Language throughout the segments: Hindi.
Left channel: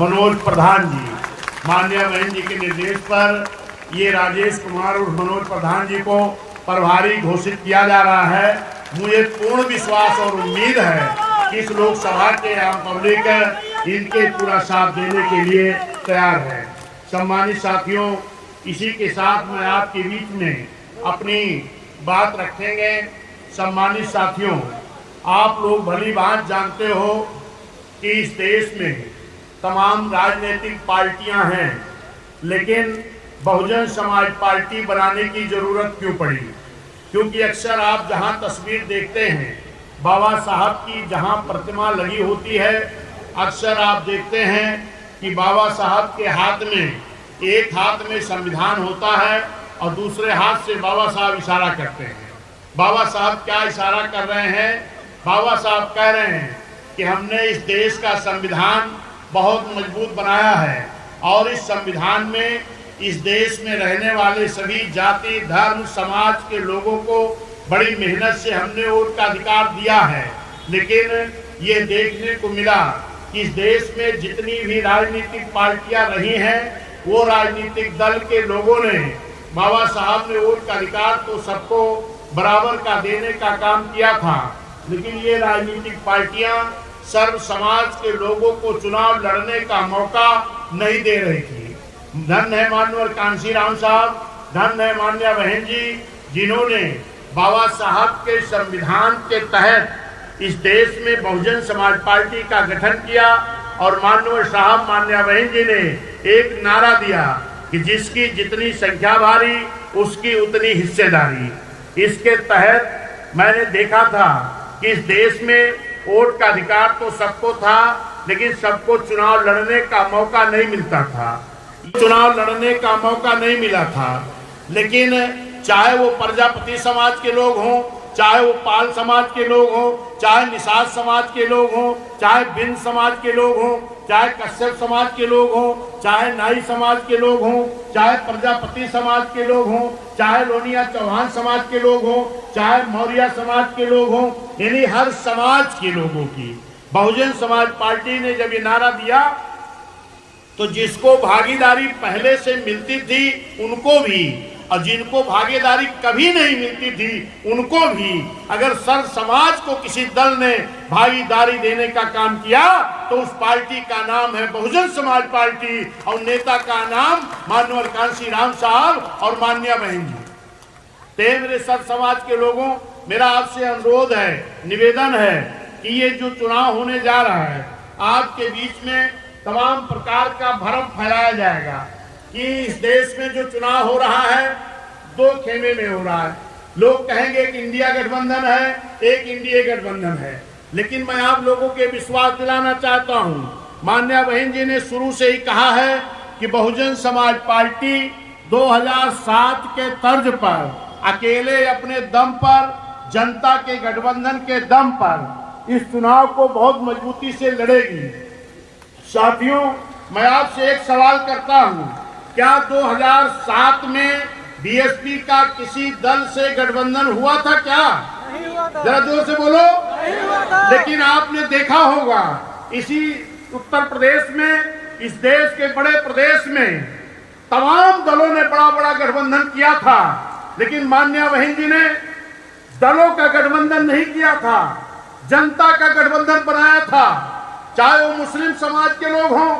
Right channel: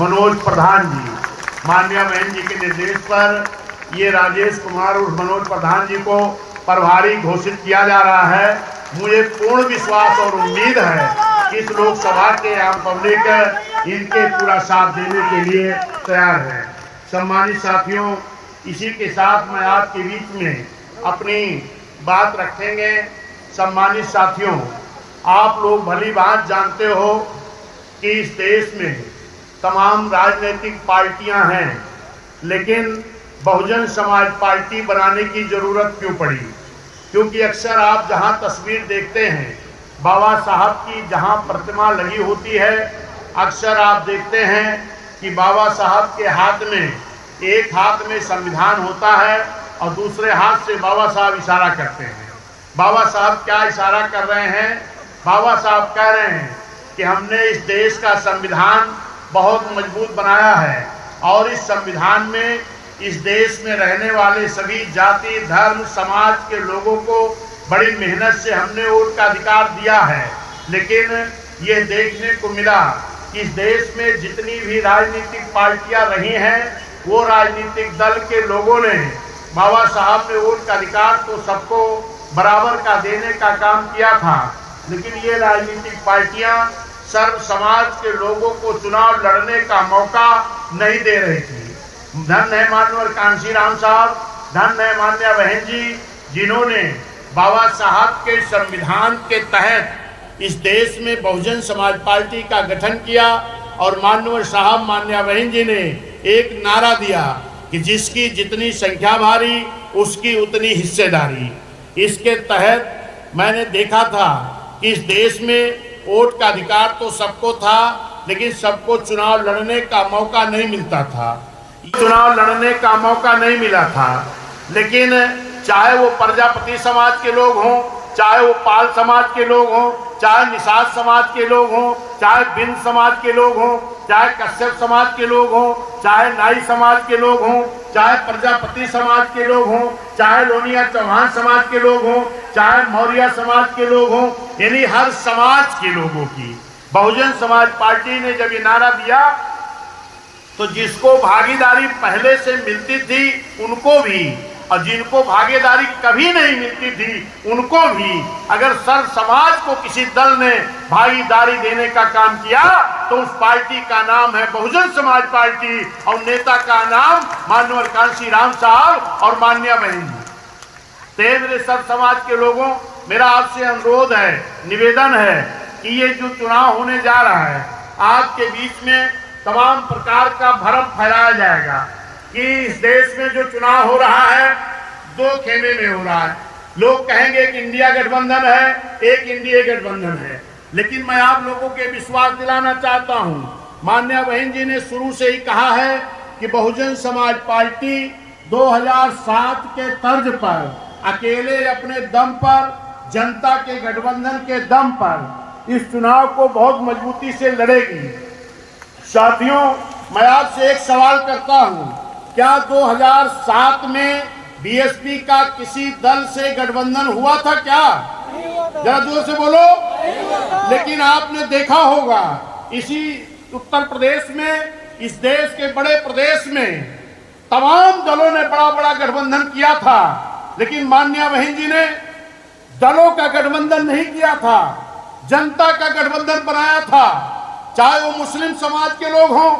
मनोज प्रधान जी, माननीय बहन जी के निर्देश पर ये राजेश कुमार और मनोज प्रधान जी को प्रभारी घोषित किया जा रहा है। मुझे पूर्ण विश्वास और उम्मीद है कि इस लोकसभा के आम पब्लिक इनके पूरा साथ देने के लिए तैयार है। सम्मानित साथियों, इसी के साथ मैं आपके बीच में अपनी बात रखेंगे। सम्मानित साथियों, आप लोग भली बात जानते हो कि इस देश में तमाम राजनीतिक पार्टियां हैं, लेकिन बहुजन समाज पार्टी बनाने की जरूरत क्यों पड़ी? क्योंकि अक्सर आप जहां तस्वीर देखते हैं बाबा साहब की जहां प्रतिमा लगी होती है, अक्सर आप देखते हैं कि बाबा साहब के हाथ में एक हाथ में संविधान होता है और दूसरे हाथ से बाबा साहब इशारा करते हैं। बाबा साहब क्या इशारा कर रहे हैं? बाबा साहब कह रहे हैं कि हमने इस देश का संविधान बहुत मजबूत बनाया है और इस संविधान में इस देश में रहने वाले सभी जाति, धर्म, समाज के लोगों को बड़ी मेहनत से हमने वोट का अधिकार दिया है। लेकिन ये देखने को मिला कि इस देश में जितनी भी राजनीतिक पार्टियां रही हैं, वो राजनीतिक दल के लोगों ने बाबा साहब ने वोट का अधिकार तो सबको बराबर का देने का काम किया था, लेकिन ये राजनीतिक पार्टियां सर्व समाज के लोगों को चुनाव लड़ने का मौका नहीं दे रही थी। धन है माननीय कांशीराम साहब, धन है माननीय बहन जी, जिन्होंने बाबा साहब के संविधान के तहत इस देश में बहुजन समाज पार्टी का गठन किया और माननीय साहब, माननीय बहन जी ने एक नारा दिया कि जिसकी जितनी संख्या भारी उसकी उतनी हिस्सेदारी। इसके तहत मैंने देखा था कि इस देश में वोट का अधिकार तो सबको था, लेकिन सबको चुनाव लड़ने का मौका नहीं मिलता था। चुनाव लड़ने का मौका नहीं मिला था, लेकिन चाहे वो प्रजापति समाज के लोग हों, चाहे वो पाल समाज के लोग हों, चाहे निषाद समाज के लोग हों, चाहे बिंद समाज के लोग हों, चाहे कश्यप समाज के लोग हों, चाहे नाई समाज के लोग हों, चाहे प्रजापति समाज के लोग हों, चाहे लोनिया चौहान समाज के लोग हों, चाहे मौर्य समाज के लोग हों, यानी हर समाज के लोगों की बहुजन समाज पार्टी ने जब ये नारा दिया तो जिसको भागीदारी पहले से मिलती थी उनको भी, और जिनको भागीदारी कभी नहीं मिलती थी उनको भी, अगर सर्व समाज को किसी दल ने भागीदारी देने का काम किया तो उस पार्टी का नाम है बहुजन समाज पार्टी और नेता का नाम माननीय कांशीराम साहब और माननीय बहन जी। मेरे सर्व समाज के लोगों, मेरा आपसे अनुरोध है, निवेदन है कि ये जो चुनाव होने जा रहा है, आपके बीच में तमाम प्रकार का भ्रम फैलाया जाएगा कि इस देश में जो चुनाव हो रहा है दो खेमे में हो रहा है। लोग कहेंगे कि इंडिया गठबंधन है, एक इंडिया गठबंधन है, लेकिन मैं आप लोगों के विश्वास दिलाना चाहता हूं, माननीय बहन जी ने शुरू से ही कहा है कि बहुजन समाज पार्टी 2007 के तर्ज पर अकेले अपने दम पर, जनता के गठबंधन के दम पर इस चुनाव को बहुत मजबूती से लड़ेगी। साथियों, मैं आपसे एक सवाल करता हूं, क्या 2007 में बीएसपी का किसी दल से गठबंधन हुआ था? क्या नहीं हुआ था? जरा जोर से बोलो। नहीं हुआ था। लेकिन आपने देखा होगा इसी उत्तर प्रदेश में, इस देश के बड़े प्रदेश में तमाम दलों ने बड़ा बड़ा गठबंधन किया था, लेकिन माननीय बहन जी ने दलों का गठबंधन नहीं किया था, जनता का गठबंधन बनाया था। चाहे वो मुस्लिम समाज के लोग हों,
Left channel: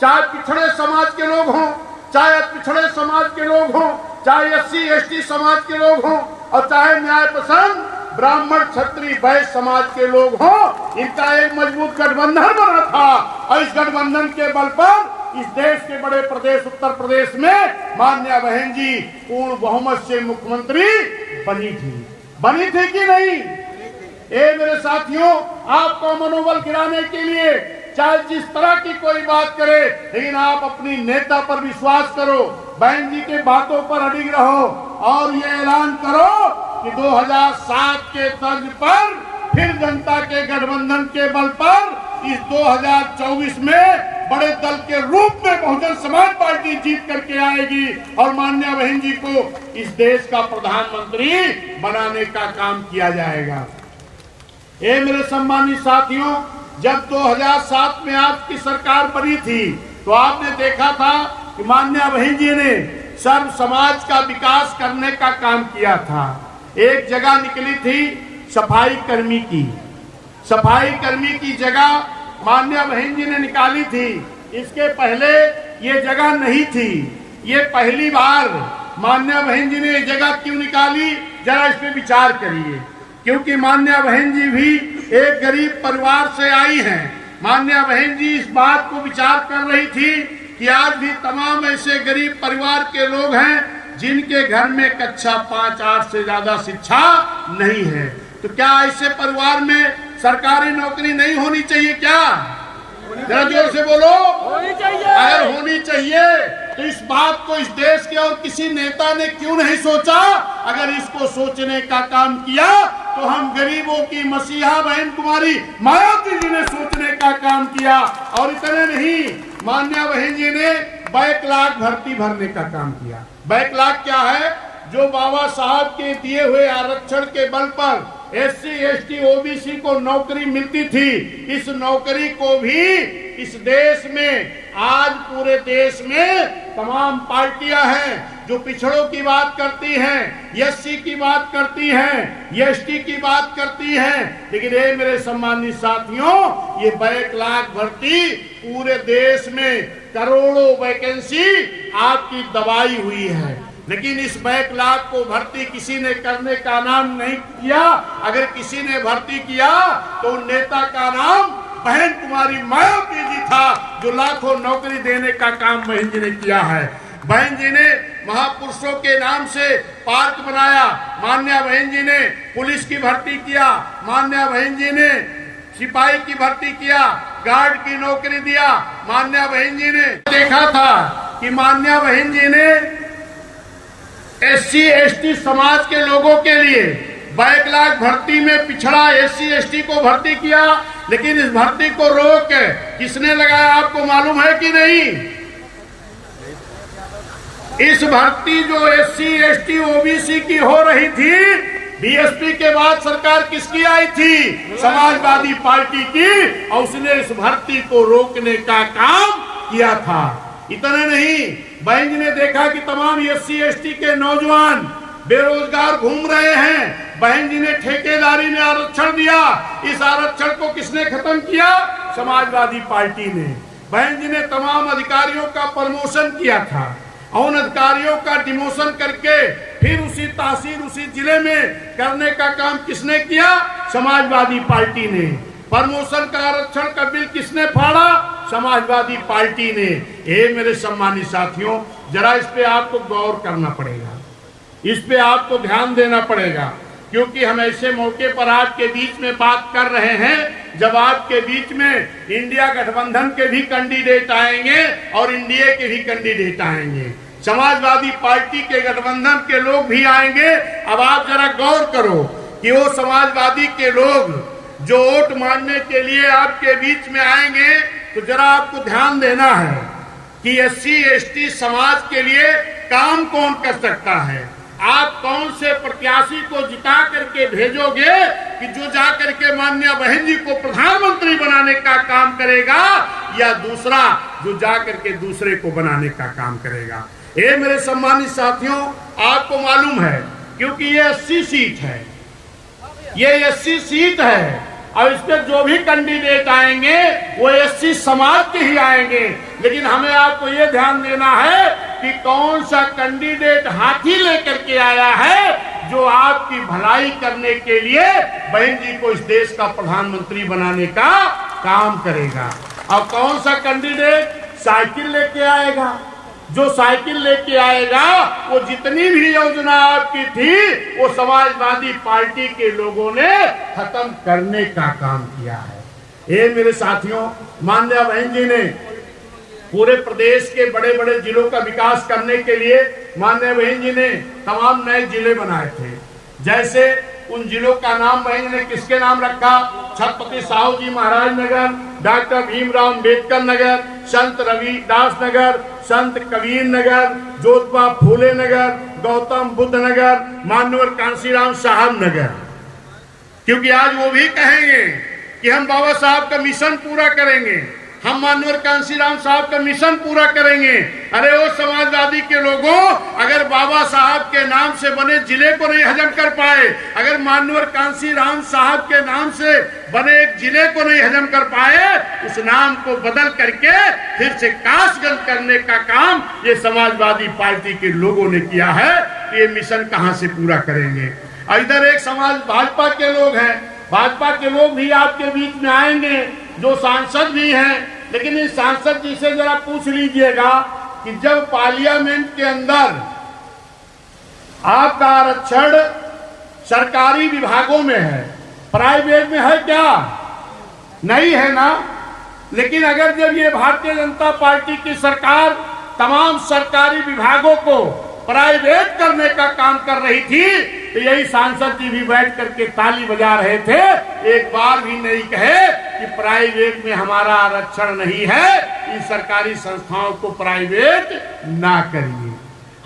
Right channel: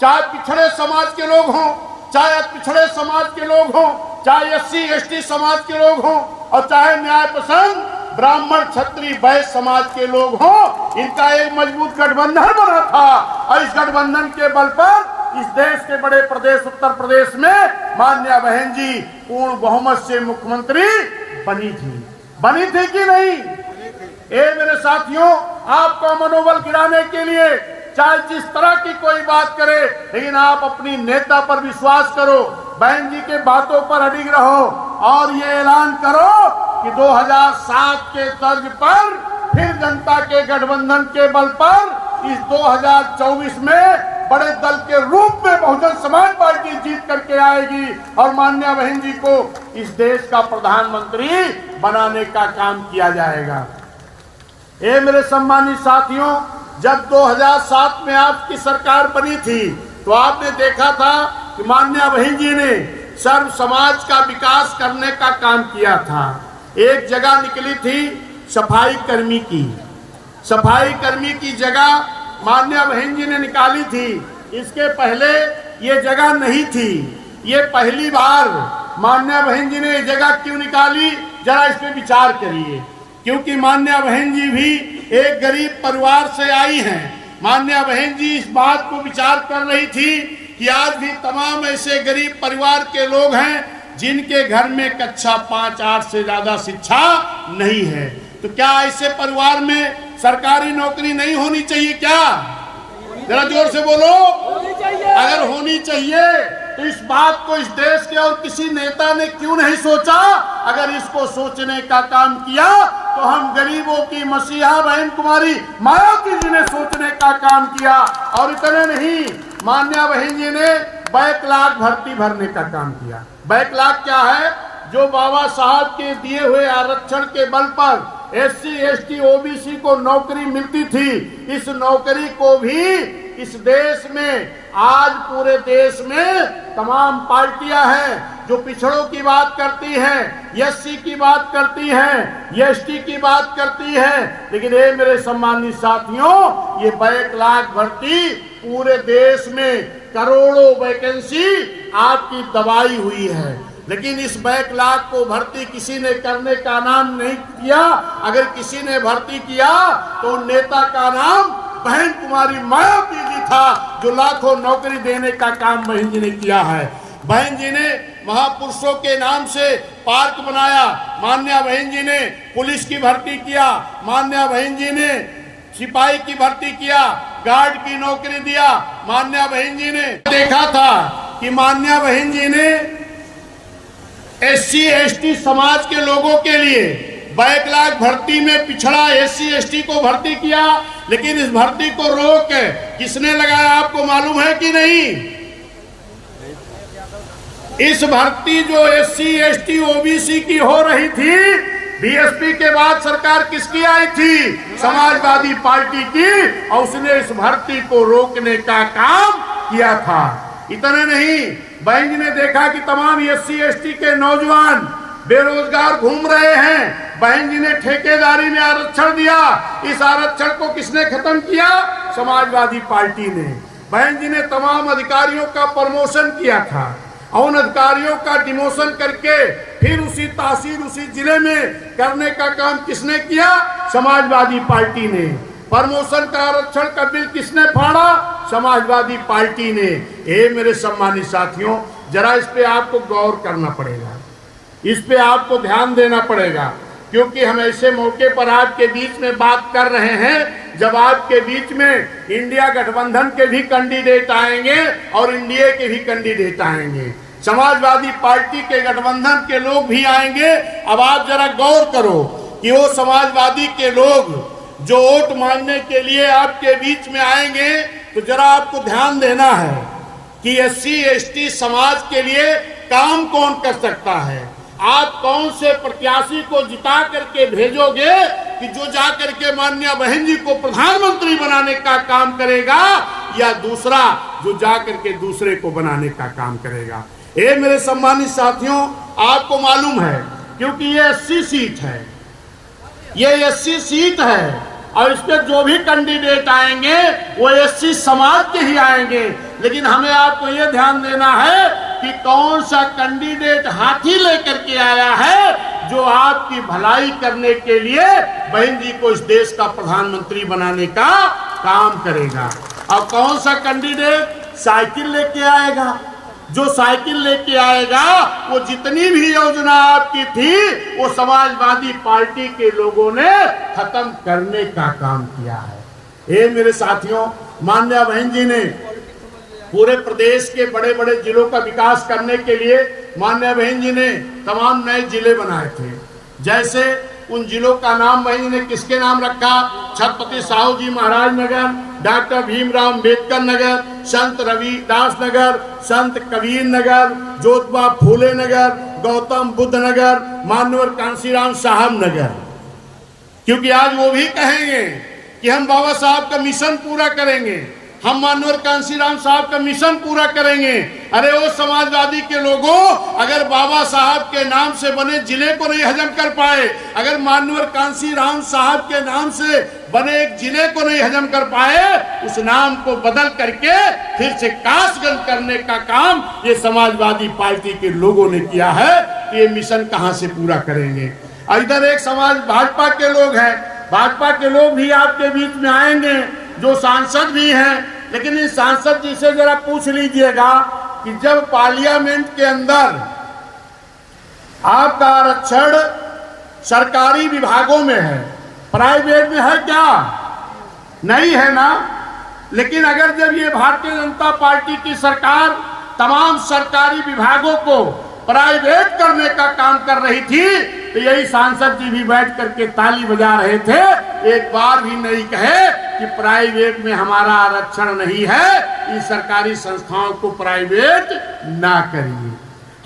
चाहे पिछड़े समाज के लोग हों, चाहे पिछड़े समाज के लोग हों, चाहे SC ST समाज के लोग हों और चाहे न्याय पसंद ब्राह्मण क्षत्रिय वैश्य समाज के लोग हों, इनका एक मजबूत गठबंधन बना था और इस गठबंधन के बल पर इस देश के बड़े प्रदेश उत्तर प्रदेश में माननीय बहन जी पूर्ण बहुमत से मुख्यमंत्री बनी थी कि नहीं? मेरे साथियों, आपका मनोबल गिराने के लिए चाहे जिस तरह की कोई बात करे, लेकिन आप अपनी नेता पर विश्वास करो, बहन जी के बातों पर अडिग रहो और ये ऐलान करो कि 2007 के तर्ज पर फिर जनता के गठबंधन के बल पर इस 2024 में बड़े दल के रूप में बहुजन समाज पार्टी जीत करके आएगी और माननीय बहन जी को इस देश का प्रधानमंत्री बनाने का काम किया जाएगा। मेरे सम्मानित साथियों, जब 2007 में आपकी सरकार बनी थी तो आपने देखा था कि माननीय बहन जी ने सर्व समाज का विकास करने का काम किया था। एक जगह निकली थी सफाई कर्मी की जगह माननीय बहन जी ने निकाली थी। इसके पहले ये जगह नहीं थी, ये पहली बार माननीय बहन जी ने ये जगह क्यों निकाली, जरा इस पे विचार करिए। क्योंकि माननीय बहन जी भी एक गरीब परिवार से आई हैं। माननीय बहन जी इस बात को विचार कर रही थी कि आज भी तमाम ऐसे गरीब परिवार के लोग हैं जिनके घर में कक्षा 5-8 से ज्यादा शिक्षा नहीं है। तो क्या ऐसे परिवार में सरकारी नौकरी नहीं होनी चाहिए? क्या जरा जोर से बोलो, होनी चाहिए। अगर होनी चाहिए तो इस बात को इस देश के और किसी नेता ने क्यों नहीं सोचा? अगर इसको सोचने का काम किया तो हम गरीबों की मसीहा बहन कुमारी मायावती जी ने सोचने का काम किया। और इतने नहीं, माननीय बहन जी ने बैकलॉग भर्ती भरने का काम किया। बैकलॉग क्या है? जो बाबा साहब के दिए हुए आरक्षण के बल पर SC, ST, OBC को नौकरी मिलती थी, इस नौकरी को भी इस देश में, आज पूरे देश में तमाम पार्टियां हैं जो पिछड़ों की बात करती हैं, SC की बात करती हैं, ST की बात करती हैं। लेकिन ये मेरे सम्मानित साथियों, ये बैकलॉग भर्ती पूरे देश में करोड़ों वैकेंसी आपकी दबाई हुई है। लेकिन इस बैकलॉग को भर्ती किसी ने करने का नाम नहीं किया। अगर किसी ने भर्ती किया तो नेता का नाम बहन कुमारी मायावती जी था, जो लाखों नौकरी देने का काम बहन जी ने किया है। बहन जी ने महापुरुषों के नाम से पार्क बनाया, माननीय बहन जी ने पुलिस की भर्ती किया, माननीय बहन जी ने सिपाही की भर्ती किया, गार्ड की नौकरी दिया। माननीय बहन जी ने देखा था कि माननीय बहन जी ने SC, ST समाज के लोगों के लिए बैकलॉग भर्ती में पिछड़ा SC, ST को भर्ती किया। लेकिन इस भर्ती को रोक किसने लगाया, आपको मालूम है कि नहीं? इस भर्ती जो SC, ST, OBC की हो रही थी, BSP के बाद सरकार किसकी आई थी? समाजवादी पार्टी की। और उसने इस भर्ती को रोकने का काम किया था। इतना नहीं, बहन जी ने देखा कि तमाम SC, ST के नौजवान बेरोजगार घूम रहे हैं। बहन जी ने ठेकेदारी में आरक्षण दिया। इस आरक्षण को किसने खत्म किया? समाजवादी पार्टी ने। बहन जी ने तमाम अधिकारियों का प्रमोशन किया था। उन अधिकारियों का डिमोशन करके फिर उसी तहसील, उसी जिले में करने का काम किसने किया? समाजवादी पार्टी ने। प्रमोशन का आरक्षण का बिल किसने फाड़ा? समाजवादी पार्टी ने। ये मेरे सम्मानित साथियों, जरा इस पे आपको गौर करना पड़ेगा, इस पे आपको ध्यान देना पड़ेगा। क्योंकि हम ऐसे मौके पर आपके बीच में बात कर रहे हैं जब आपके बीच में इंडिया गठबंधन के भी कैंडिडेट आएंगे और एनडीए के भी कैंडिडेट आएंगे, समाजवादी पार्टी के गठबंधन के लोग भी आएंगे। अब आप जरा गौर करो कि वो समाजवादी के लोग जो वोट मांगने के लिए आपके बीच में आएंगे, तो जरा आपको ध्यान देना है कि SC, ST समाज के लिए काम कौन कर सकता है। आप कौन से प्रत्याशी को जिता करके भेजोगे कि जो जा करके माननीय बहन जी को प्रधानमंत्री बनाने का काम करेगा, या दूसरा जो जा करके दूसरे को बनाने का काम करेगा। ये मेरे सम्मानित साथियों, आपको मालूम है, क्योंकि ये 80 सीट है, ये 80 सीट है और इस पे जो भी कैंडिडेट आएंगे वो SC समाज के ही आएंगे। लेकिन हमें आपको ये ध्यान देना है कि कौन सा कैंडिडेट हाथी लेकर के आया है जो आपकी भलाई करने के लिए बहन जी को इस देश का प्रधानमंत्री बनाने का काम करेगा। और कौन सा कैंडिडेट साइकिल लेके आएगा? जो साइकिल लेके आएगा वो जितनी भी योजना आपकी थी वो समाजवादी पार्टी के लोगों ने खत्म करने का काम किया है। ये मेरे साथियों, माननीय बहन जी ने पूरे प्रदेश के बड़े बड़े जिलों का विकास करने के लिए माननीय बहन जी ने तमाम नए जिले बनाए थे। जैसे उन जिलों का नाम बहन जी ने किसके नाम रखा? छत्रपति साहू जी महाराज नगर, डॉक्टर भीमराव अम्बेडकर नगर, संत रविदास नगर, संत कबीर नगर, ज्योतिबा फूले नगर, गौतम बुद्ध नगर, मान्यवर कांशीराम साहब नगर। क्योंकि आज वो भी कहेंगे कि हम बाबा साहब का मिशन पूरा करेंगे, हम माननीय कांशीराम साहब का मिशन पूरा करेंगे। अरे वो समाजवादी के लोगों, अगर बाबा साहब के नाम से बने जिले को नहीं हजम कर पाए, अगर माननीय कांशीराम साहब के नाम से बने एक जिले को नहीं हजम कर पाए, उस नाम को बदल करके फिर से काशगंज करने का काम ये समाजवादी पार्टी के लोगों ने किया है। तो ये मिशन कहां से पूरा करेंगे? इधर एक समाज भाजपा के लोग हैं, भाजपा के लोग भी आपके बीच में आएंगे, जो सांसद भी हैं, लेकिन इस सांसद जी से जरा पूछ लीजिएगा कि जब पार्लियामेंट के अंदर आपका आरक्षण सरकारी विभागों में है, प्राइवेट में है क्या? नहीं है ना। लेकिन अगर जब ये भारतीय जनता पार्टी की सरकार तमाम सरकारी विभागों को प्राइवेट करने का काम कर रही थी, तो यही सांसद जी भी बैठ करके ताली बजा रहे थे, एक बार भी नहीं कहे कि प्राइवेट में हमारा आरक्षण नहीं है, इस सरकारी संस्थाओं को प्राइवेट ना करिए।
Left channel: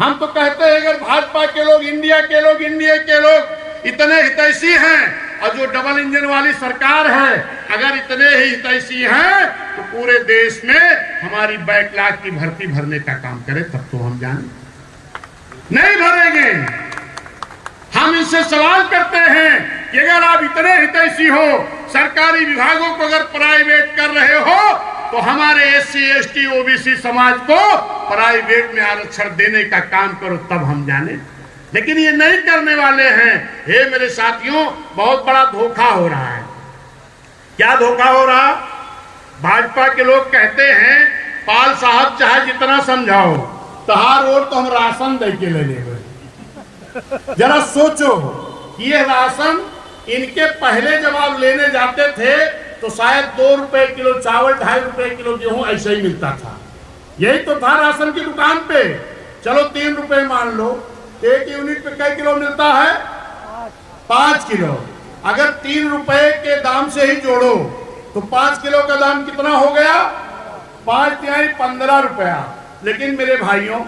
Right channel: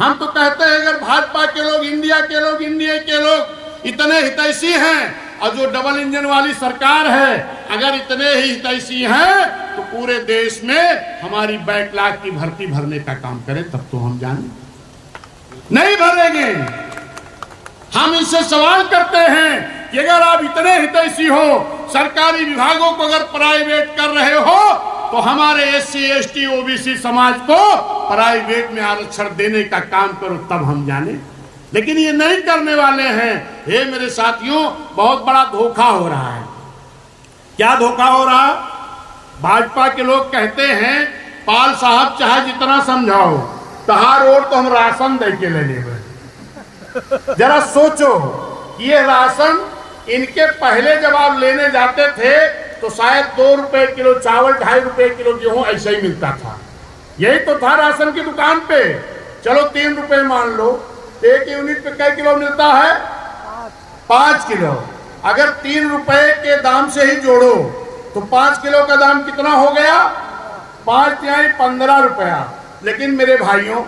हम तो कहते हैं अगर भाजपा के लोग, इंडिया के लोग इतने हितैषी हैं, और जो डबल इंजन वाली सरकार है अगर इतने ही हितैषी हैं, तो पूरे देश में हमारी बैकलॉग की भर्ती भरने का काम करें, तब तो हम जाने। नहीं भरेंगे। हम इनसे सवाल करते हैं कि अगर आप इतने हितैषी हो, सरकारी विभागों को अगर प्राइवेट कर रहे हो, तो हमारे SC ST OBC समाज को प्राइवेट में आरक्षण देने का काम करो, तब हम जाने। लेकिन ये नहीं करने वाले हैं। हे मेरे साथियों, बहुत बड़ा धोखा हो रहा है। क्या धोखा हो रहा? भाजपा के लोग कहते हैं पाल साहब चाहे जितना समझाओ, तहार रोड तो हम राशन दे के ले लेंगे। जरा सोचो, ये राशन इनके पहले जब आप लेने जाते थे तो शायद 2 रुपए किलो चावल, 2.5 रुपए किलो गेहूं ऐसे ही मिलता था। यही तो था राशन की दुकान पे। चलो 3 रुपए मान लो, एक यूनिट पे कई किलो मिलता है? 5 किलो। अगर 3 रुपए के दाम से ही जोड़ो तो 5 किलो का दाम कितना हो गया? 5 यानी 15 रुपया। लेकिन मेरे भाइयों,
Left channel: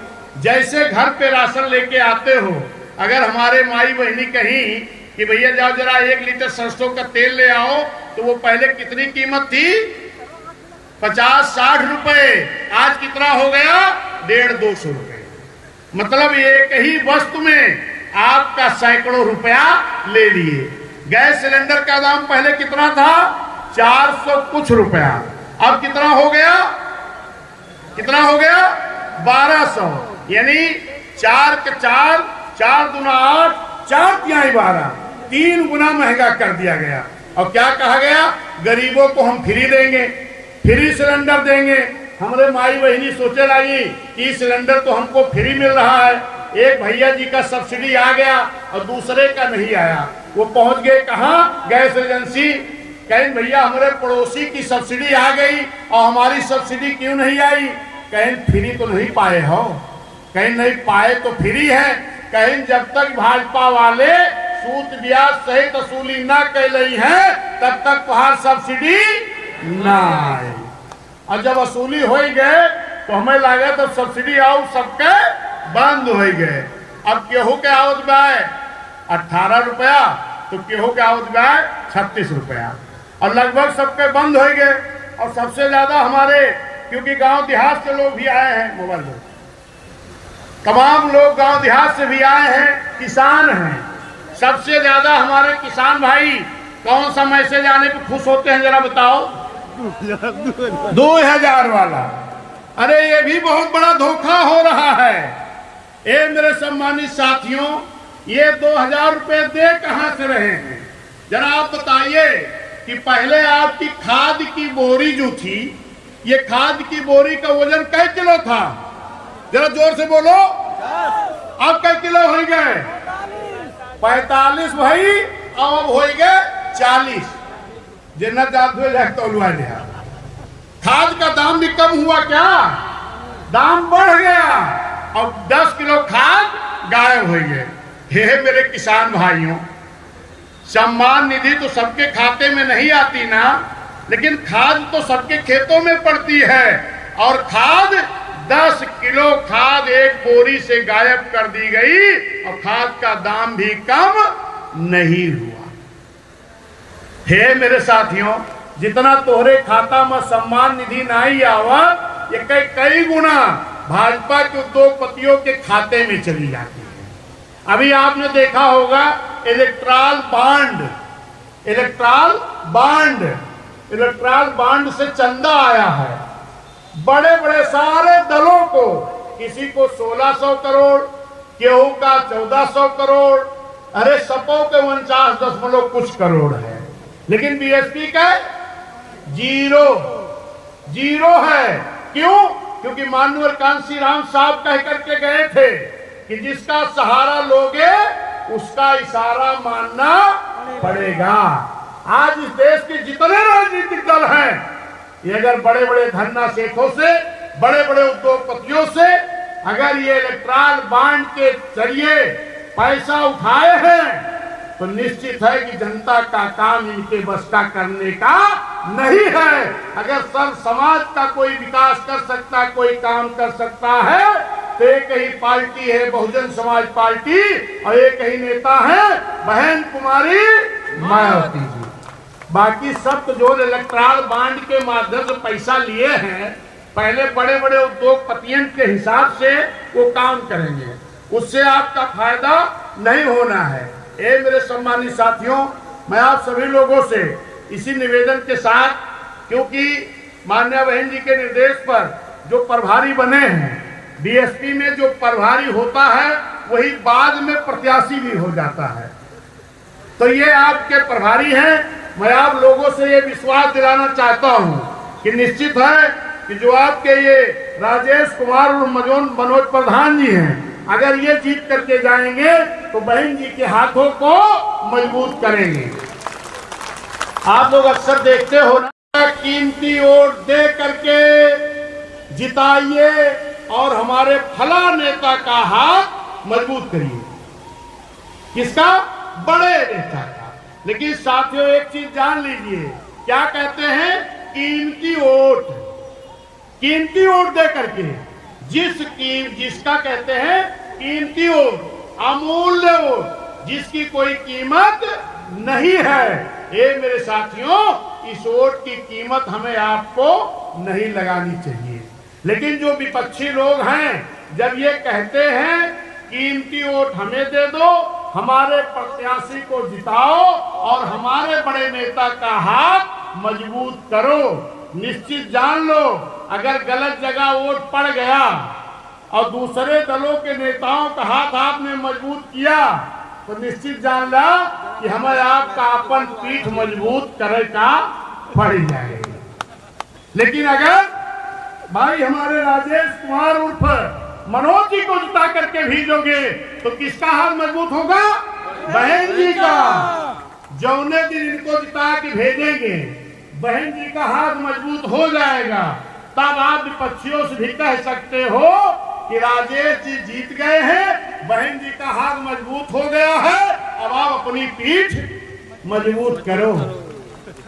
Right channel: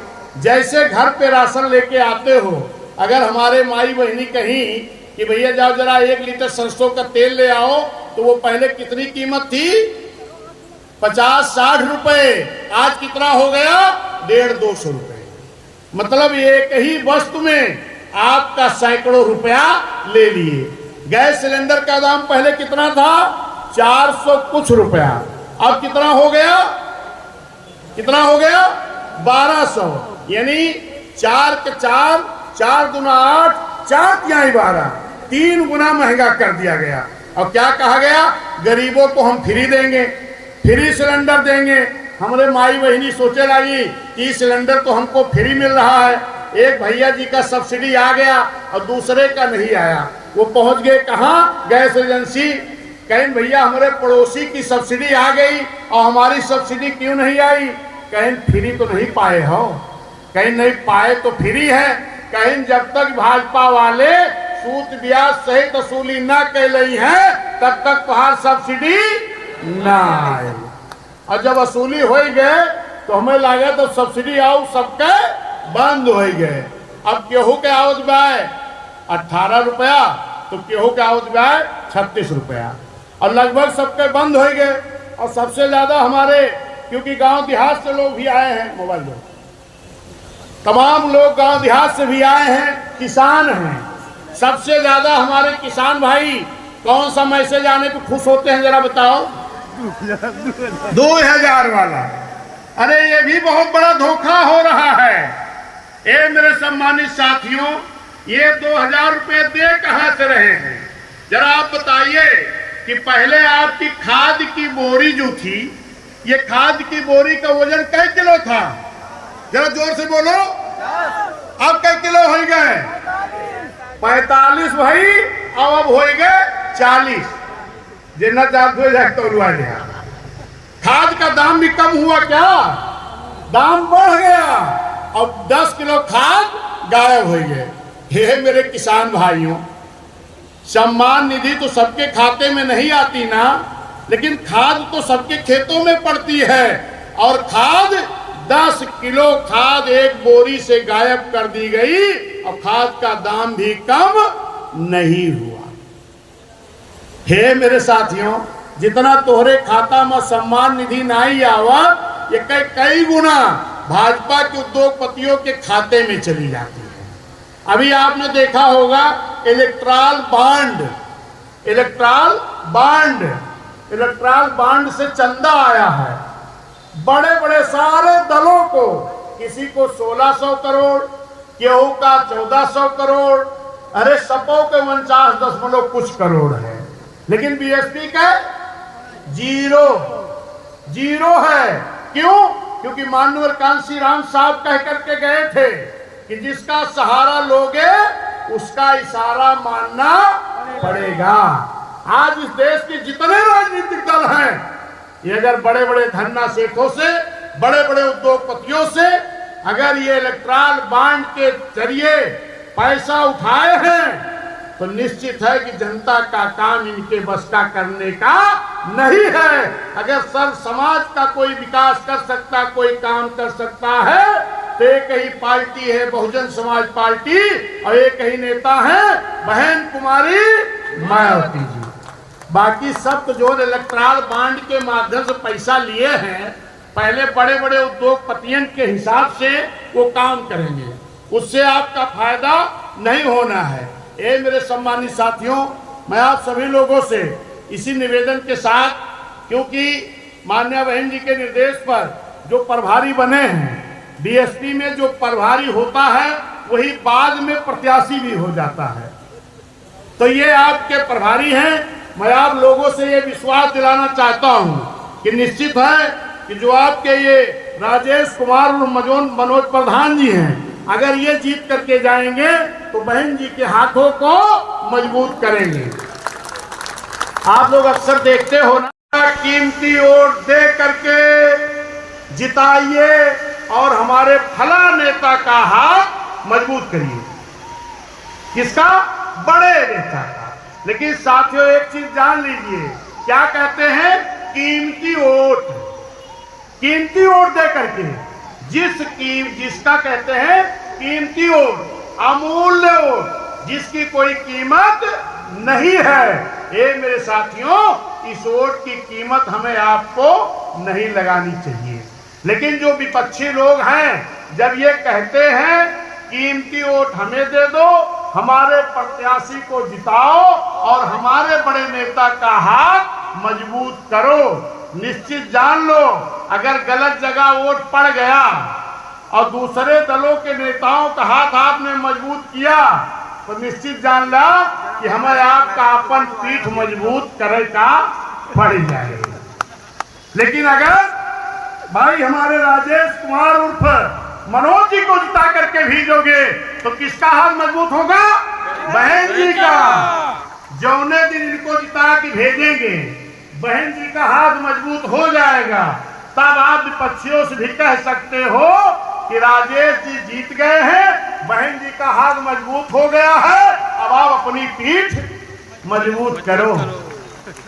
जैसे घर पे राशन लेके आते हो, अगर हमारे माई बहनी कहीं कि भैया जाओ जरा 1 लीटर सरसों का तेल ले आओ, तो वो पहले कितनी कीमत थी? 50-60 रुपए। आज कितना हो गया? 150-200 रुपए। मतलब एक ही वस्तु में आपका सैकड़ों रुपया ले लिए। गैस सिलेंडर का दाम पहले कितना था? 400 कुछ रुपया। अब कितना हो गया? कितना हो गया? 1200। यानी 4 के 4, 4 दूना 8, 4 तिहाई 12, 3 गुना महंगा कर दिया गया। और क्या कहा गया? गरीबों को हम फ्री देंगे, फ्री सिलेंडर देंगे। हमारे माई बहनी सोचे लगी कि सिलेंडर तो हमको फ्री मिल रहा है, एक भैया जी का सब्सिडी आ गया और दूसरे का नहीं आया। वो पहुंच गए कहाँ? Gas agency. कहीं भैया हमारे पड़ोसी की सब्सिडी आ गई और हमारी सब्सिडी क्यों नहीं आई? कहीं फ्री तो नहीं पाए हो? कहीं नहीं पाए तो फ्री है। कहीं जब तक भाजपा वाले सूद ब्याज सहित वसूली न कर रही है, तब तक तुम्हार सब्सिडी ना आए। और जब वसूली हो गए तो हमें लगे तो सब्सिडी आओ सबके बंद हो गए। अब गेहूं के आवत बाय 18 रुपया, तो गेहूं के आवत बाय 36 रुपया, और लगभग सबके बंद हो गए। और सबसे ज्यादा हमारे, क्योंकि गांव देहात से लोग भी आए हैं, मोबाइल लोग, तमाम लोग गांव देहात से भी आए हैं, किसान हैं। सबसे ज्यादा हमारे किसान भाई कौन सा मैसेज आने पे खुश होते हैं, जरा बताओ? 2000 वाला। अरे ये भी बहुत बड़ा धोखा हो रहा है। ए मेरे सम्मानित साथियों, ये 2000 रुपए दे कहां से रहे हैं? जरा आप बताइए कि पहले आपकी खाद की बोरी जो थी, ये खाद की बोरी का वजन कै किलो था? जरा जोर से बोलो। अब कै किलो हो गए? 45 भाई। अब हो गए 40। जितना जाते जाते हुआ गया। खाद का दाम भी कम हुआ क्या? दाम बढ़ गया। अब 10 किलो खाद गायब हो गए। हे मेरे किसान भाइयों, सम्मान निधि तो सबके खाते में नहीं आती ना, लेकिन खाद तो सबके खेतों में पड़ती है। और खाद 10 किलो खाद एक बोरी से गायब कर दी गई, और खाद का दाम भी कम नहीं हुआ। हे मेरे साथियों, जितना तोहरे खाता में सम्मान निधि नहीं आवत, ये कई गुना भाजपा के उद्योगपतियों के खाते में चली जाती है। अभी आपने देखा होगा इलेक्ट्रल बांड से चंदा आया है बड़े बड़े सारे दलों को, किसी को 1600 करोड़, केहू का 1400 करोड़, अरे सपो के 49 कुछ करोड़ है, लेकिन बीएसपी का जीरो है। क्यों? क्योंकि माननीय कांसी राम साहब कह करके गए थे कि जिसका सहारा लोगे उसका इशारा मानना पड़ेगा। आज इस देश के जितने राजनीतिक दल हैं, ये अगर बड़े बड़े धन्ना सेठों से, बड़े बड़े उद्योगपतियों से अगर ये इलेक्ट्रल बांड के जरिए पैसा उठाए हैं, तो निश्चित है कि जनता का काम इनके बस का करने का नहीं है। अगर सब समाज का कोई विकास कर सकता, कोई काम कर सकता है, तो एक ही पार्टी है बहुजन समाज पार्टी, और एक ही नेता है बहन कुमारी मायावती जी। बाकी सब तो जो इलेक्ट्रल बांड के माध्यम से पैसा लिए हैं, पहले बड़े बड़े उद्योगपतियों के हिसाब से वो काम करेंगे, उससे आपका फायदा नहीं होना है। ये मेरे सम्मानित साथियों, मैं आप सभी लोगों से इसी निवेदन के साथ, क्योंकि माननीय बहन जी के निर्देश पर जो प्रभारी बने हैं, डीएसपी में जो प्रभारी होता है वही बाद में प्रत्याशी भी हो जाता है, तो ये आपके प्रभारी हैं। मैं आप लोगों से ये विश्वास दिलाना चाहता हूं कि निश्चित है कि जो आपके ये राजेश कुमार और मनोज प्रधान जी हैं, अगर ये जीत करके जाएंगे तो बहन जी के हाथों को मजबूत करेंगे। आप लोग अक्सर देखते हो ना, कीमती वोट दे करके जिताइए और हमारे फला नेता का हाथ मजबूत करिए। किसका? बड़े नेता का। लेकिन साथियों एक चीज जान लीजिए, क्या कहते हैं? कीमती वोट दे करके जिसका कहते हैं कीमती वोट, अमूल्य वोट, जिसकी कोई कीमत नहीं है। ये मेरे साथियों, इस वोट की कीमत हमें आपको नहीं लगानी चाहिए। लेकिन जो विपक्षी लोग हैं, जब ये कहते हैं कीमती वोट हमें दे दो, हमारे प्रत्याशी को जिताओ और हमारे बड़े नेता का हाथ मजबूत करो, निश्चित जान लो अगर गलत जगह वोट पड़ गया और दूसरे दलों के नेताओं का हाथ आपने मजबूत किया, तो निश्चित जान ला कि हमें आपका अपन पीठ मजबूत करे का पड़ जाएगा। लेकिन अगर भाई हमारे राजेश कुमार उर्फ मनोज जी को जिता करके भेजोगे, तो किसका हाथ मजबूत होगा? बहन जी का। जौने दिन इनको जिता के भेजेंगे, बहन जी का हाथ मजबूत हो जाएगा, तब आप विपक्षियों से भी कह सकते हो कि राजेश जी जीत गए हैं, बहन जी का हाथ मजबूत हो गया है, अब आप अपनी पीठ मजबूत करो।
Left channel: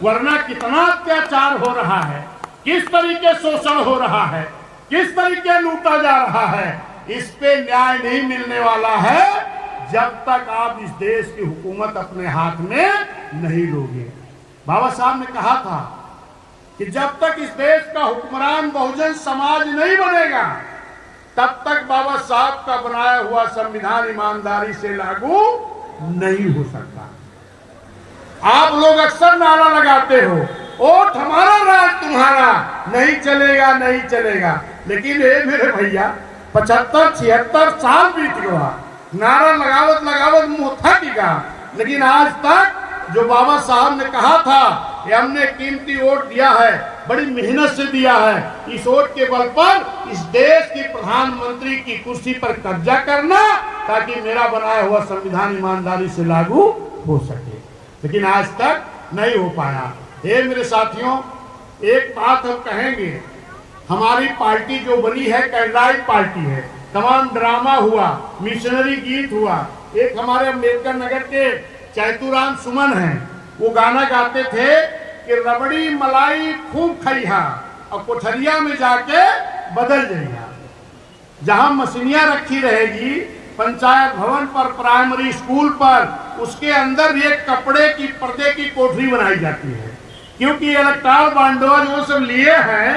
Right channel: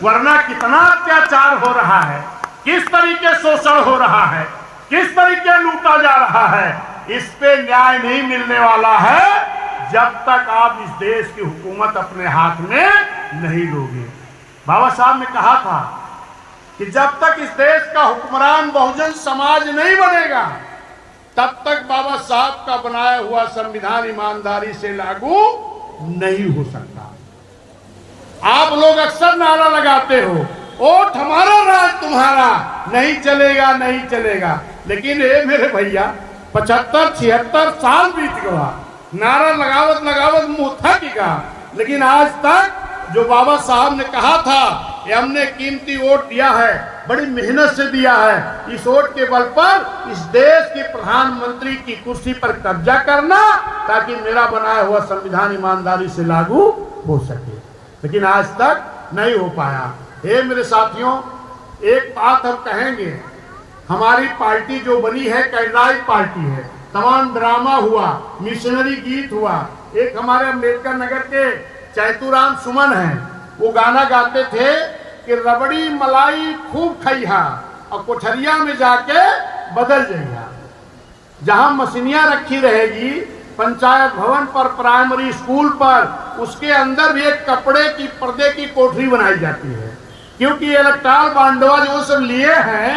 वरना कितना अत्याचार हो रहा है, किस तरीके शोषण हो रहा है, किस तरीके लूटा जा रहा है, इस पे न्याय नहीं मिलने वाला है जब तक आप इस देश की हुकूमत अपने हाथ में नहीं लोगे। बाबा साहब ने कहा था कि जब तक इस देश का हुक्मरान बहुजन समाज नहीं बनेगा, तब तक बाबा साहब का बनाया हुआ संविधान ईमानदारी से लागू नहीं हो सकता। आप लोग अक्सर नारा लगाते हो, वोट हमारा राज तुम्हारा, नहीं चलेगा नहीं चलेगा। लेकिन ये मेरे भैया 75-76 साल बीत गया, नारा लगावत मुंह थक गया, लेकिन आज तक जो बाबा साहब ने कहा था कि हमने कीमती वोट दिया है, बड़ी मेहनत से दिया है, इस वोट के बल पर इस देश के प्रधानमंत्री की कुर्सी पर कब्जा करना, ताकि मेरा बनाया हुआ संविधान ईमानदारी से लागू हो सके, लेकिन आज तक नहीं हो पाया। हे मेरे साथियों, एक बात हम कहेंगे, हमारी पार्टी जो बनी है कैंडिडेट पार्टी है, तमाम ड्रामा हुआ, मिशनरी गीत हुआ। एक हमारे अम्बेडकर नगर के चैतुराम सुमन हैं, वो गाना गाते थे कि रबड़ी मलाई खूब खइहा और कोठरिया में जाके बदल जाइया। जहां मशीनियां रखी रहेगी पंचायत भवन पर, प्राइमरी स्कूल पर, उसके अंदर एक कपड़े की पर्दे की कोठरी बनाई जाती है क्योंकि ये इलेक्ट्रॉल बांडवा जो सब लिए हैं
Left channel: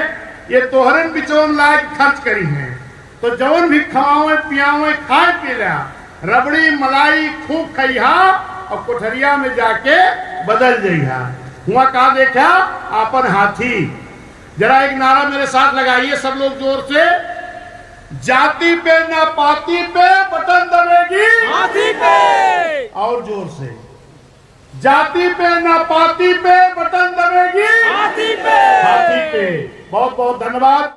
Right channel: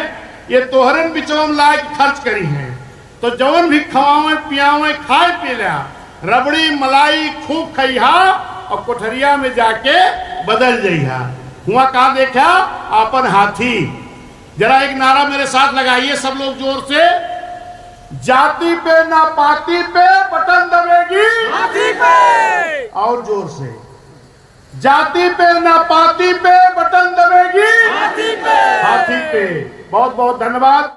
ये तोहरे बिचों लायक खर्च करी हैं। तो जौन भी खवावे पियावे खाए पीला रबड़ी मलाई खूब खइहा और कोठरिया में जाके बदल जइहा। हुआ कहा देखा अपन हाथी। जरा एक नारा मेरे साथ लगाइए सब लोग जोर से। जाति पे ना पाती पे बटन दबेगी हाथी पे। और जोर से। जाति पे ना पाती पे बटन दबेगी हाथी पे। हाथी पे। बहुत बहुत धन्यवाद।